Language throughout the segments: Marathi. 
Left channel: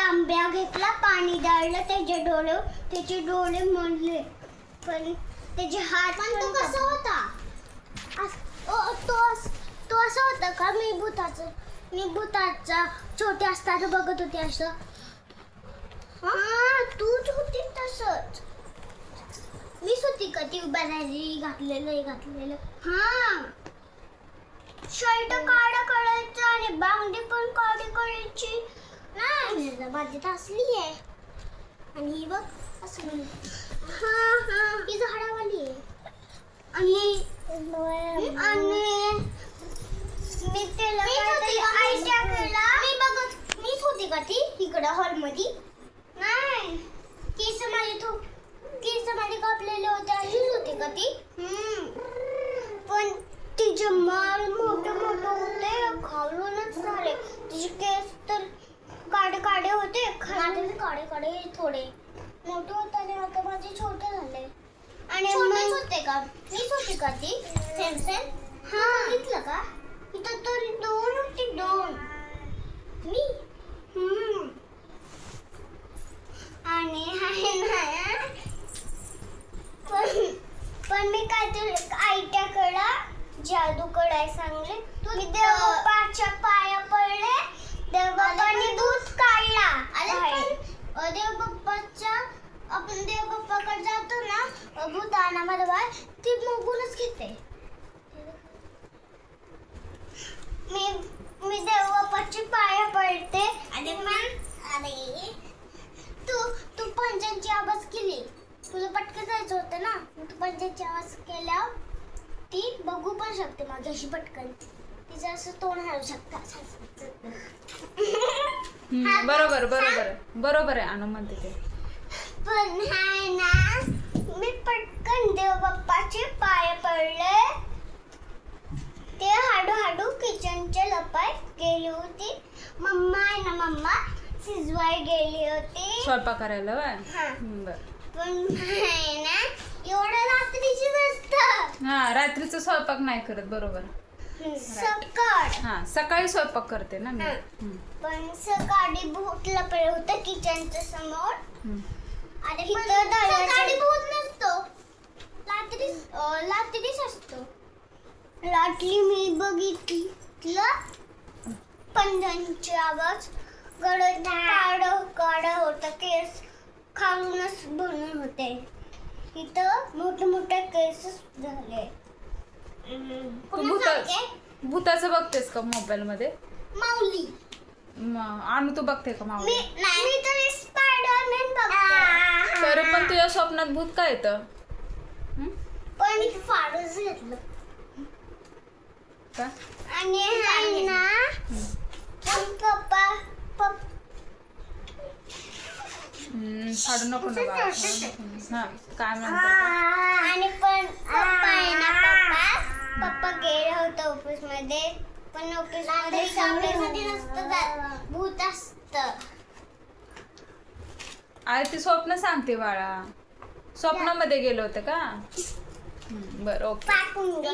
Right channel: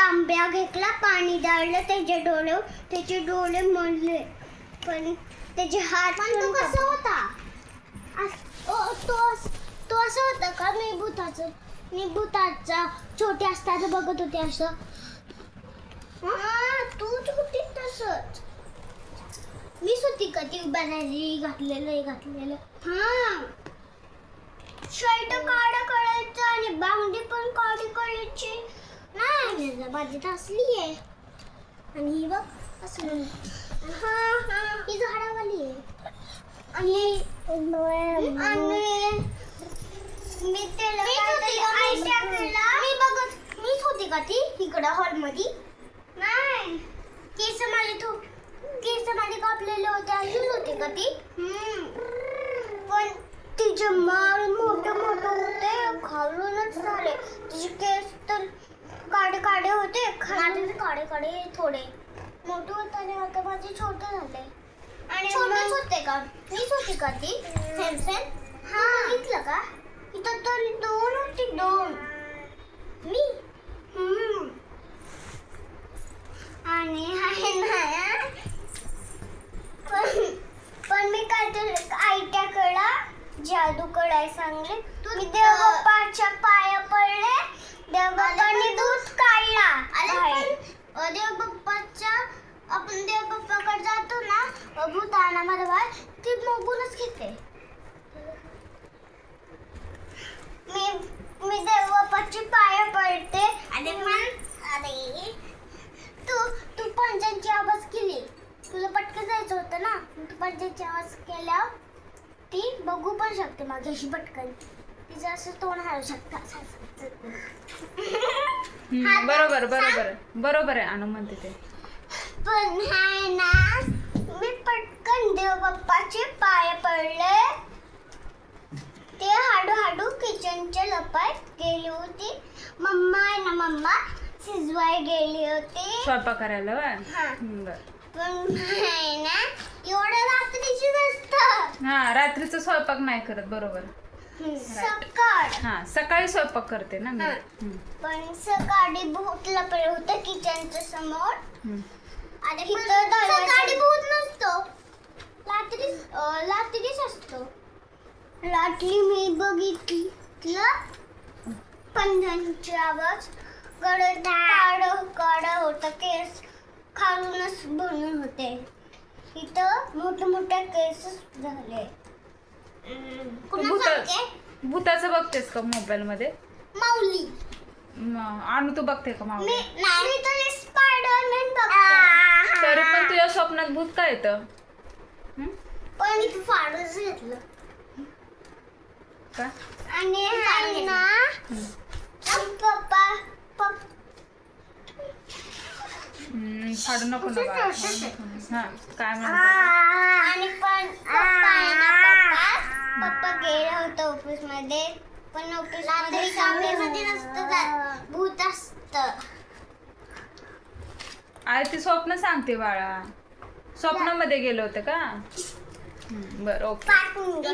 तांब्या घेतला पाणी डाळलं त्याचे डोळे त्याचे डोळे मोडले. पण त्याचे हात पण तो कसा होता? अस- ओ, तो अस- तो असं होता का? मी भूताचं मी भूताचा छोटे असताना बघत होते असं. हा तूच होती तसंच. मीच होती का ती बनायली घातलेलं हे घातलेलं? हा. शर्ट काढ करायचं आणि बांगडी पण नाही माझी तर असली आहे. आणि ही बघ असली ही. झाडावाली आहे. आणि आणि मी त्याला मी बघत मीच होती का ती इकडं हॉलमध्ये? नाही. केस माझे थो केस माझे कापलेले होते. अशीच होती का ती? पण तिचे माल मोठे मोठे होते खालूनच झाले तिचे केस तर काडे काडे होते. खाली काडे काडे थोडे. मोठे होताना आता माझे छोटे झाले. आणि छोटेच होते का? मीच होती का ती सेम सेम हा बघितलं का? इथं तर दोन होती दोन. मी. आणि आहे ना पण पण मी काहीतरी आयत्या कडा जादू कडाय सांगले. मी देवबाप्पाच्या पाया आपण देवबाप्पाकडे जातो ना भूत आणा मला बाळ ती बघूनच घेते. मी मी देवबाप्पाची पाया पडते. आणि मी अरे तू तू पंजांची आवाज केली. तुला पटकन जायचं होतं ना? तू पंजांची आवाज केल्यावर ती बघू पण शकते माझ्याशी पटकन. तिचं असं तोंड हलू शकतं. हम्म, बरोबर बरोबर आहे. बरोबर आहे अनु म्हणते ते. पण हाय ना मी पटकन देवबाप्पाचे पाय पडले. ते हाडू हाडू किचनच्या लपात गेली होती. मम्मा आहे ना मम्मा शिजवाय गेली होती. स्वयंपाक करायला? हा. बर. पण हाय ना एवढं रात्रीची नसतं हा रात्रीचं स्वयंपाक नाही करत बरोबर. हा सकाळी स्वयंपाक करते ना मी. हम्म, पण सकाळी भूत लपलं होतं किचनच्या समोर. हम्म. आणि सकाळी भूत नसतो. रात्री रात्रीच असतो. रात्री मी बघितलं पंजांची आवाज गडद काड काड होता केस खालूनच बनून होते. इथं मोठे मोठे केस झाले. तू भूत भूताचं बघतेस का मोबाईल मध्ये माऊली अनु तू बघते का मी मावली मी तरी स्पायडरमॅन बघते. तरी पण तुझ्या स्वप्नात भूत काय येतं? पण घेतलं. का? आणि ना पप्पा फाडू नको ना काय म्हणते? आणि पण पप्पा आहे ना पप्पा. पप्पा गेले होते ऑफिसमध्ये पण ऑफिसमध्ये नसतं जात. भूत असत. आई ती स्वप्न सांगते बाळा. स्वप्नामध्ये गेलं होतं का? हम्म, बर ओके. पाठवून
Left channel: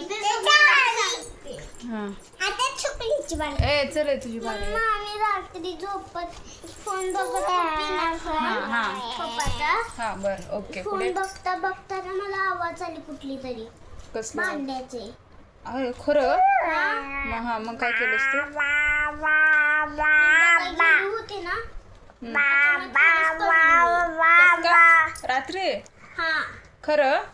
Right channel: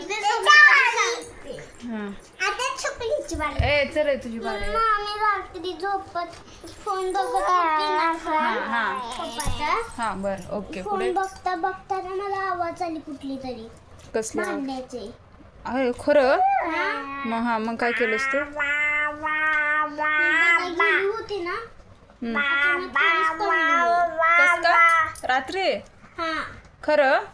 हा. आता छुकलीची बारी ए चल तुझी. मम्मा आम्ही रात्री झोपत फोन बघत होती ना. हा हा. पप्पाचा. हा बर ओके फोन पुढे बघता बघता ना मला आवाज आली कुठली तरी. कसलं? भांड्याचे. अरे खरं मग हा मग काय केलंस तू गेली होती ना. अचानक खरंच पडली. कसं का? रात्री हा खरं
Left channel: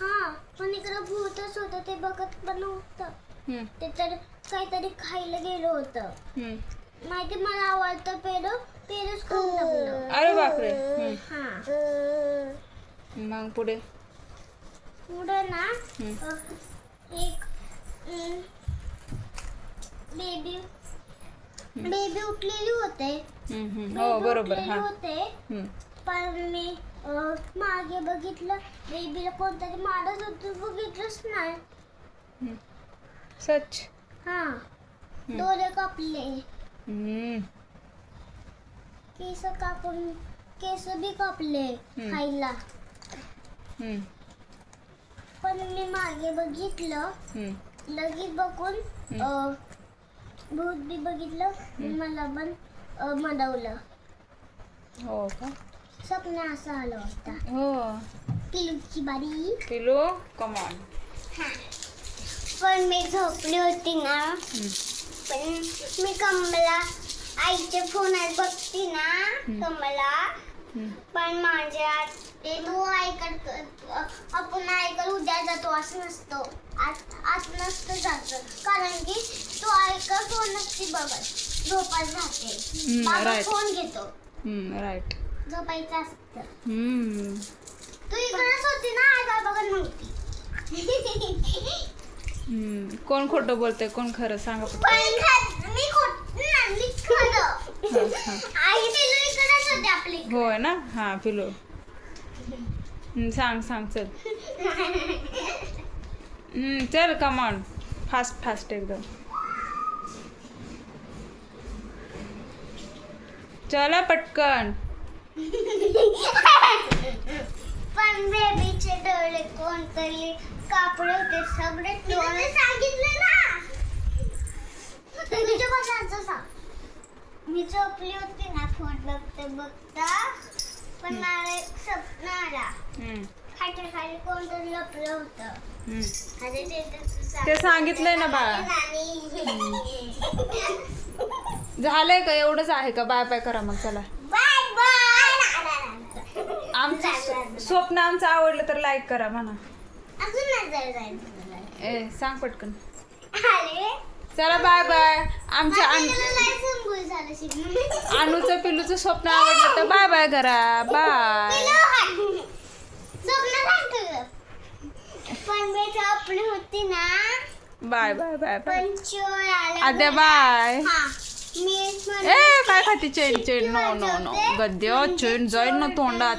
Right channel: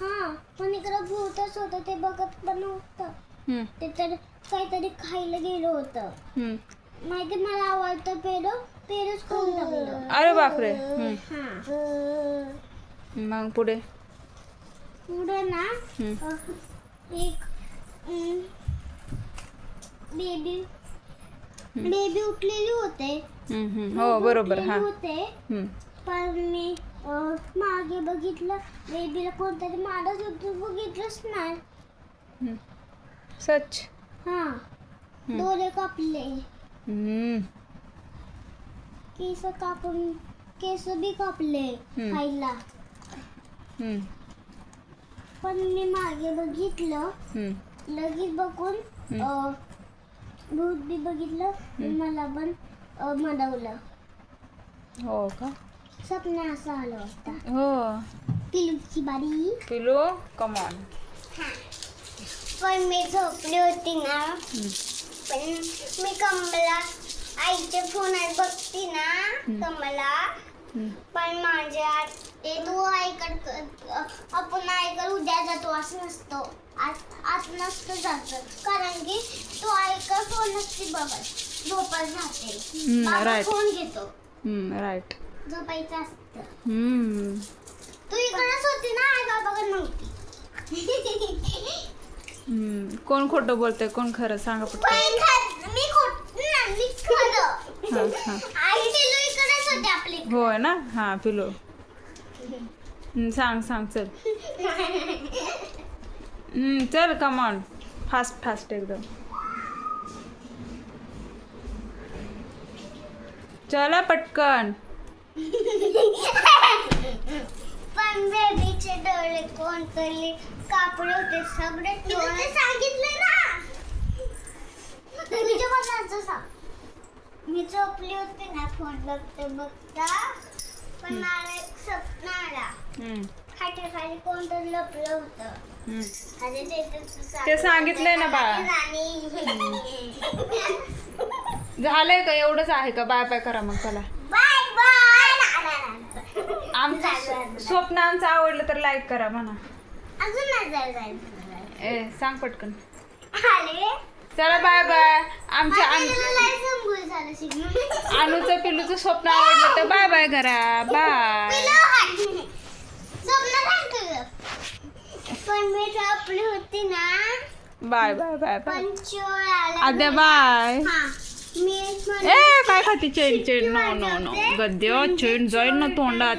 हा पण इकडं भूतच होतं ते बघत पण हम्म, ते तर काहीतरी खायला गेलं होतं हम्म. माहिती मला आवडतं पेरू पेरूच खाऊन टाकलं अरे बापरे हम्म. हा मग पुढे पुढे ना हम्म. अह, एक बेबी बेबी उठलेली होते. हो बरोबर हा होते. पण मी मागे बघितलं बेबीला कोणतरी मारत होतं बघितलंच नाही. सच हा डोळे कापले. केस कापून केस बी कापले हम्म. खायला पण मी मागे बघितलं. लगेच बघून भूत बी बघितलं मला पण अह, मनवलं. हो का? स्वप्न असं आलं होता. हो. पिलूची बारी. पिलू कमॉन हा. पण मी झोपली होती ना. पण मी कमला आईच्या फोनात बघती ना कमला. पण माझ्या ते तू ऐकत आपण ऐकत उद्या जातो असं नसतो. आज आज नसतं जात कारण की तू ऐकत फोन नसते बघत. झोपत जाते. हम्म, बाबा right. फोन घेतो. राईट झोपायचं असतं. हम्म. तू इकडेच होती ना आई का बघत नव्हती. हम्म. कोण खोटं बोलतंय? कोण खरं? सांगा पण मी खोट मी खरं. हा, हा. आई पिलू इकडेच होते आपली होय ना? हा पिलू. सांग सांग चल. हम्म, चल कमॉन फास्ट फास्ट एकदम. चला पटकन. पण बेबीचे डोळे कोणतरी कापडे होते सगळे सांगितले ना. तुझ्या बघायचं सांग. मी झोपली होती ना फोन बघता बघता पण मला एक स्वप्न आला. हम्म, खाली कोणतरी लपलं होतं. अरे ते ते सांगितलंय ना बाळा. झालंय का? एवढंच आहे का? बाय बाय करा मग चला. Bye bye. आमचं स्वप्न आमचं आवडलं तर लाईक करा म्हणा. अजून नाही जायचं ए सांग पटकन. अरे चला बाय बाय आमच्या. अनुचं पिलूचं स्वप्न आवडलं तर बाय बाय करा. बाय होती ना. Bye bye bye bye Aadya bye ए काय खाती chain chain? No no no गद्य चेन जाईल ना तोंडात.